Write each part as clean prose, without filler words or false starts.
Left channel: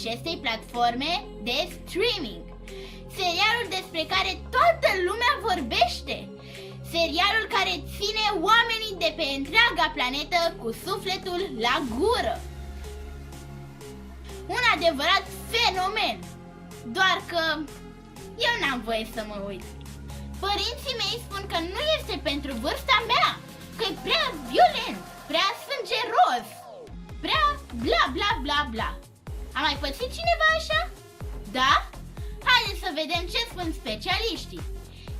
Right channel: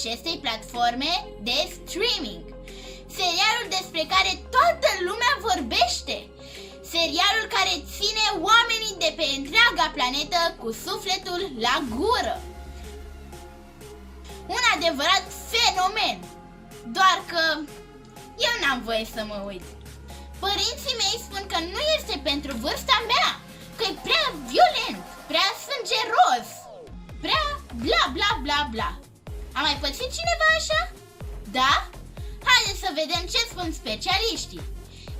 acestei platforme de streaming. Serialul despre care toată lumea vorbește. Serialul care ține oamenii de pe întreaga planetă cu sufletul la gură. Un adevărat fenomen. Doar că eu n-am voie să mă uit. Părinții mei spun că nu este pentru vârsta mea, că e prea violent, prea sângeros, prea bla bla bla bla. A mai pățit cineva așa? Da? Haideți să vedem ce spun specialiștii.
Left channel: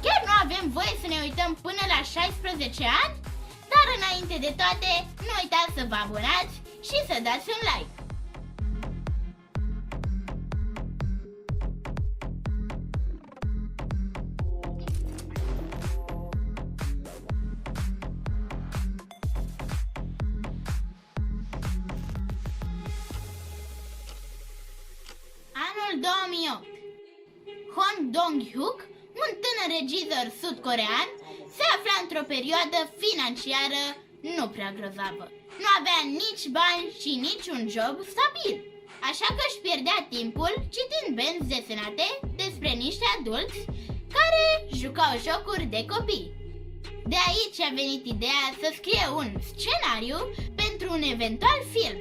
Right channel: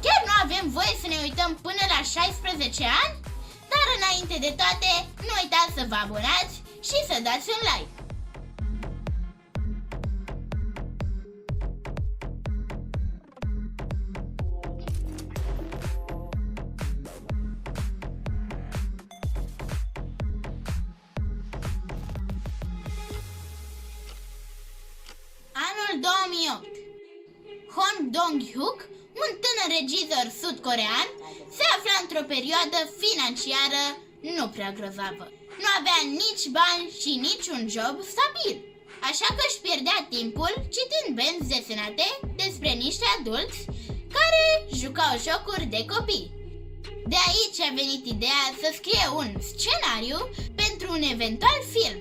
Chiar nu avem voie să ne uităm până la 16 ani? Dar înainte de toate, nu uitați să vă abonați și să dați un like. Anul 2008. Hong Dong-hyuk, un tânăr regizor sud-corean, se afla într-o perioadă financiară nu prea grozavă. Nu avea nici bani și nici un job stabil, așa că își pierdea timpul citind benzi desenate despre niște adulți care jucau jocuri de copii. De aici a venit ideea să scrie un scenariu pentru un eventual film.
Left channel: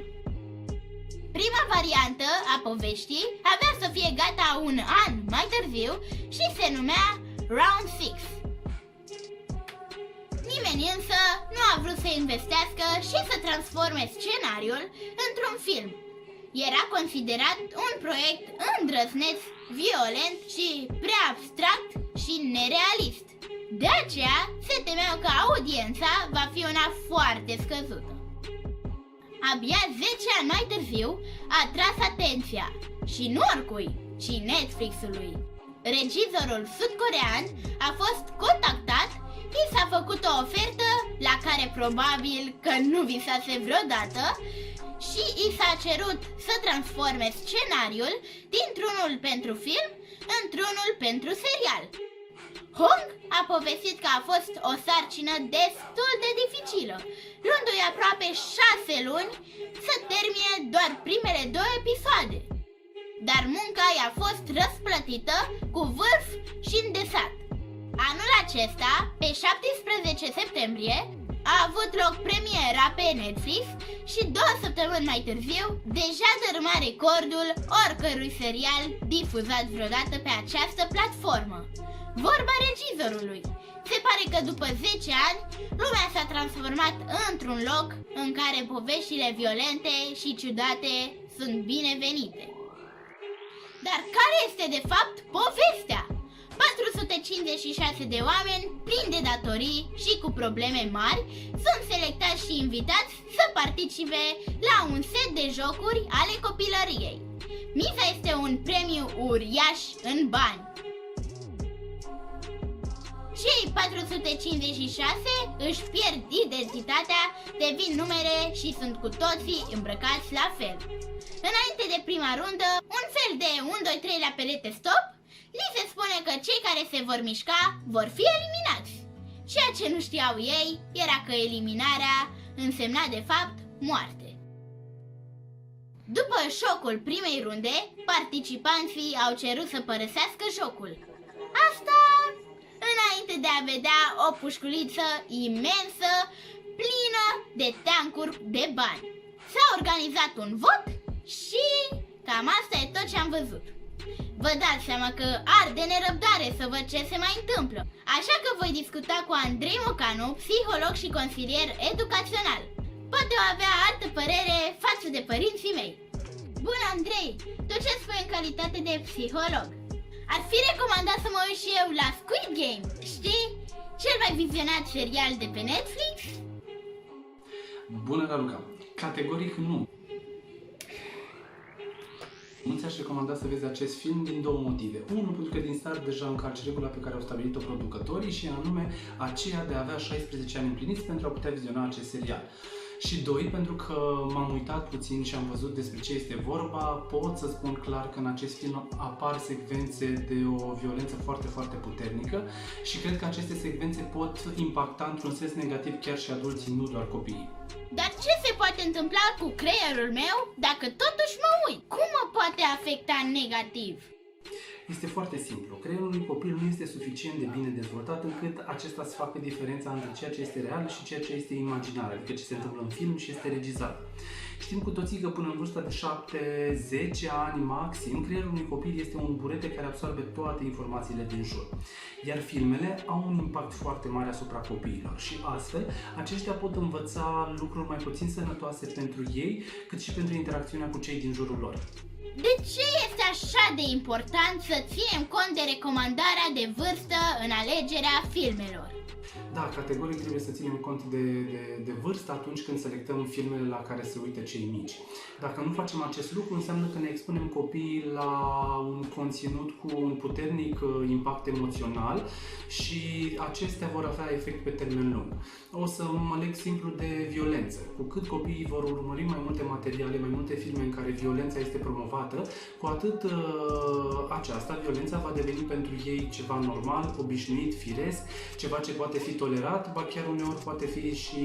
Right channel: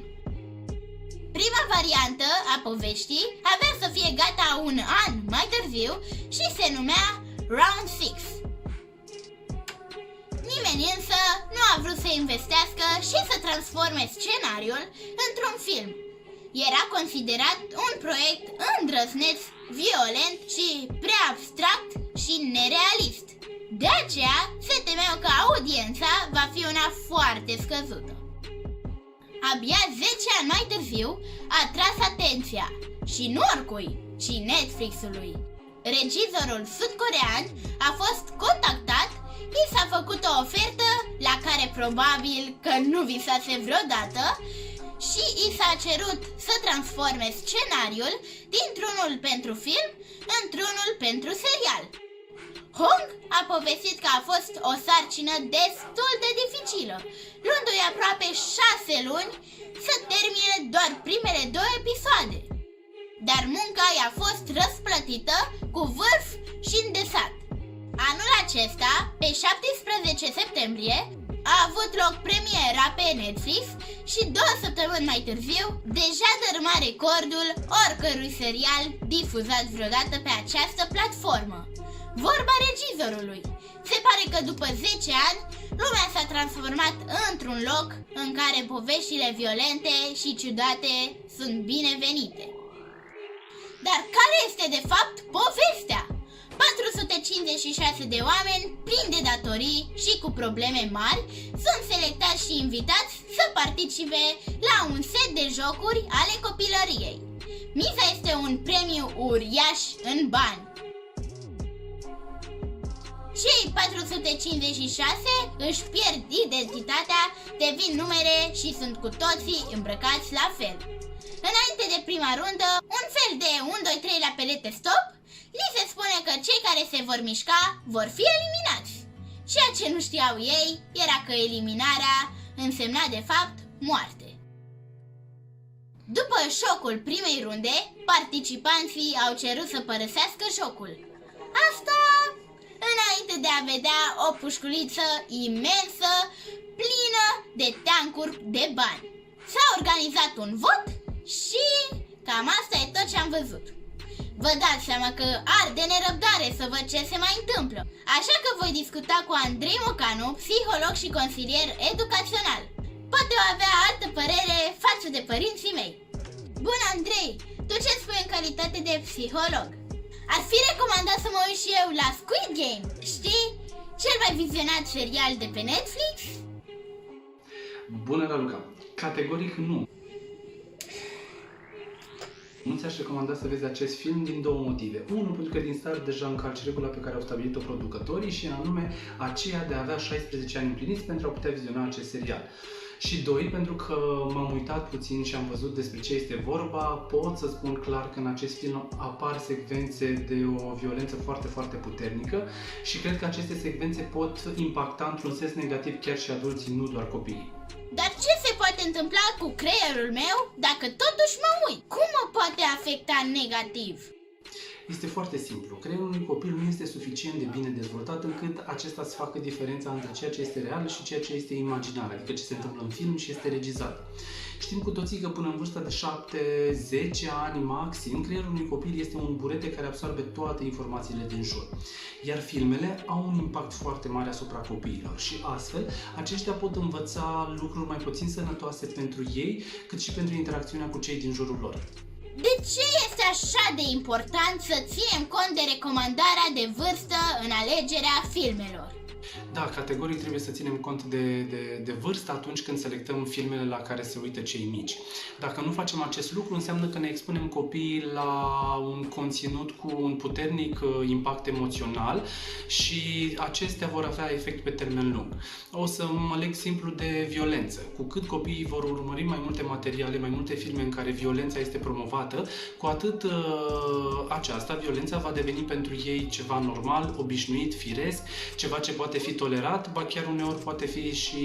Prima variantă a poveștii avea să fie gata un an mai târziu și se numea Round 6. Nimeni însă nu a vrut să investească și să transforme scenariul într-un film. Era considerat un proiect îndrăzneț, violent și prea abstract și nerealist. De aceea se temeau că audiența va fi una foarte scăzută. Abia 10 ani mai târziu a tras atenția și nu oricui, ci Netflix-ului. Regizorul sud-corean a fost contactat, i s-a făcut o ofertă la care probabil că nu visase vreodată și i s-a cerut să transforme scenariul dintr-unul pentru film într-unul pentru serial. Hong a povestit că a fost o sarcină destul de dificilă, luându-i aproape 6 luni să termine doar primele 2 episoade. Dar munca i-a fost răsplătită cu vârf și îndesat. Anul acesta, pe 17 septembrie, a avut loc premiera pe Netflix și 2 săptămâni mai târziu deja dărâma recordul oricărui serial difuzat vreodată pe această platformă. Vorba regizorului. Se pare că după 10 ani, lumea s-a transformat într-un loc în care poveștile violente și ciudate sunt binevenite. Dar care este de fapt povestea? 456 de oameni plini de datorii și cu probleme mari sunt selectați și invitați să participe la un set de jocuri ale copilăriei. Miza este un premiu uriaș în bani. Cei 456 își pierd identitatea, devin numere și sunt cu toții îmbrăcați la fel. Înainte de prima rundă, un fel de 1-2-3 la pelete stop, li se spune că cei care se vor mișca vor fi eliminați. Ceea ce nu știau ei era că eliminarea însemna de fapt moarte. După șocul primei runde, participanții au cerut să părăsească jocul. Asta înainte de a vedea o pușculiță imensă, plină de teancuri de bani. S-a organizat un vot și cam asta e tot ce am văzut. Vă dați seama că arde nerăbdare să văd ce se mai întâmplă. Așa că voi discuta cu Andrei Mocanu, psiholog și consilier educațional. Poate o avea altă părere față de părinții mei. Bun, Andrei, tu ce spui în calitate de psiholog? Ar fi recomandat să mă uit și eu la Squid Game, știi? Cel mai vizionat serial de pe Netflix? Bună, Raluca! Categoric nu. Nu ți-aș recomanda să vezi acest film din 2 motive. Unul, pentru că din start deja încalci regula pe care au stabilit-o producătorii și anume aceea de a avea 16 ani împliniți pentru a putea viziona acest serial. Și doi, pentru că m-am uitat puțin și am văzut despre ce este vorba, pot să spun clar că în acest film apar secvențe de o violență foarte, foarte puternică și cred că aceste secvențe pot impacta într-un sens negativ chiar și adulții, nu doar copiii. Dar ce se poate întâmpla cu creierul meu dacă totuși mă uit? Cum mă poate afecta negativ? Este foarte simplu. Creierul unui copil nu este suficient de bine dezvoltat încât acesta să facă diferența între ceea ce este real și ceea ce este imaginar, adică ce se întâmplă în film și este regizat. Știm cu toții că până în vârsta de 7-10 ani maxim, creierul unui copil este un burete care absorbe toate informațiile din jur. Iar filmele au un impact foarte mare asupra copiilor și astfel aceștia pot învăța lucruri mai puțin sănătoase pentru ei, cât și pentru interacțiunea cu cei din jurul lor. De ce este așa de important să ținem cont de recomandarea de vârstă în alegerea filmelor? Da, categoric trebuie să ținem cont de vârstă atunci când selectăm filmele la care se uită cei mici. Dacă nu facem acest lucru, înseamnă că ne expunem copiii la un conținut cu un puternic impact emoțional și acestea vor avea efect pe termen lung. O să mă leg simplu de violență. Cu cât copiii vor urmări mai multe materiale, mai multe filme în care violența este promovată, cu atât aceasta, violența, va deveni pentru ei ceva normal, obișnuit, firesc, ceva ce poate fi tolerat, ba chiar uneori poate fi și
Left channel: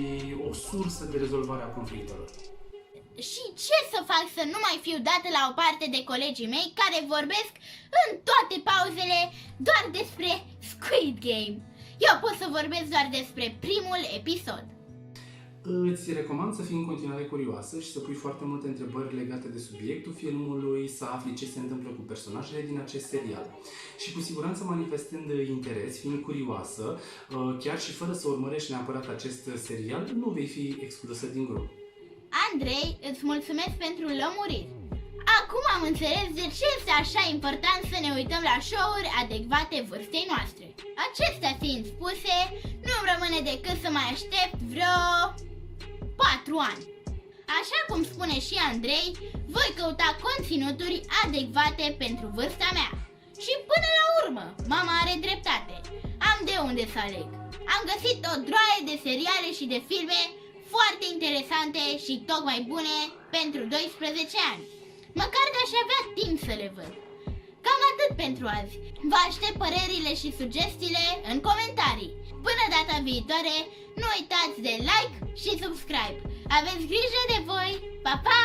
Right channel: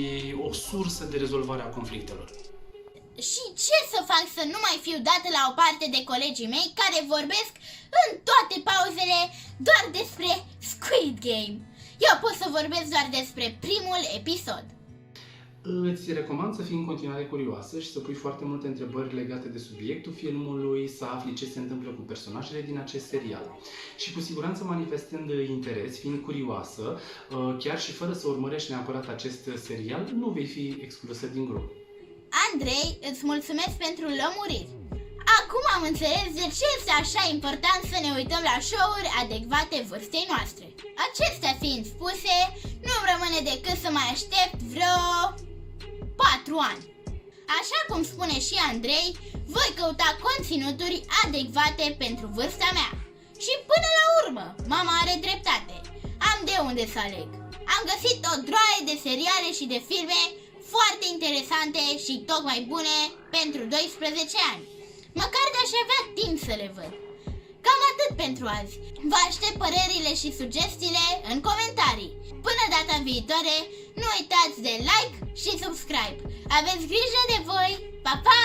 o sursă de rezolvare a conflictelor. Și ce să fac să nu mai fiu dată la o parte de colegii mei care vorbesc în toate pauzele doar despre Squid Game? Eu pot să vorbesc doar despre primul episod. Îți recomand să fii în continuare curioasă și să pui foarte multe întrebări legate de subiectul filmului, să afli ce se întâmplă cu personajele din acest serial. Și cu siguranță manifestând interes, fiind curioasă, chiar și fără să urmărești neapărat acest serial, nu vei fi exclusă din grup. Andrei, îți mulțumesc pentru lămuriri. Acum am înțeles de ce este așa important să ne uităm la show-uri adecvate vârstei noastre. Acestea fiind spuse, nu-mi rămâne decât să mai aștept vreo 4 ani. Așa cum spune și Andrei, voi căuta conținuturi adecvate pentru vârsta mea. Și până la urmă, mama are dreptate. Am de unde să aleg. Am găsit o droaie de seriale și de filme foarte interesante și tocmai bune pentru 12 ani. Măcar de-aș avea timp să le văd. Cam atât pentru azi. Vă aștept părerile și sugestiile în comentarii. Până data viitoare, nu uitați de like și subscribe. Aveți grijă de voi! Pa, pa!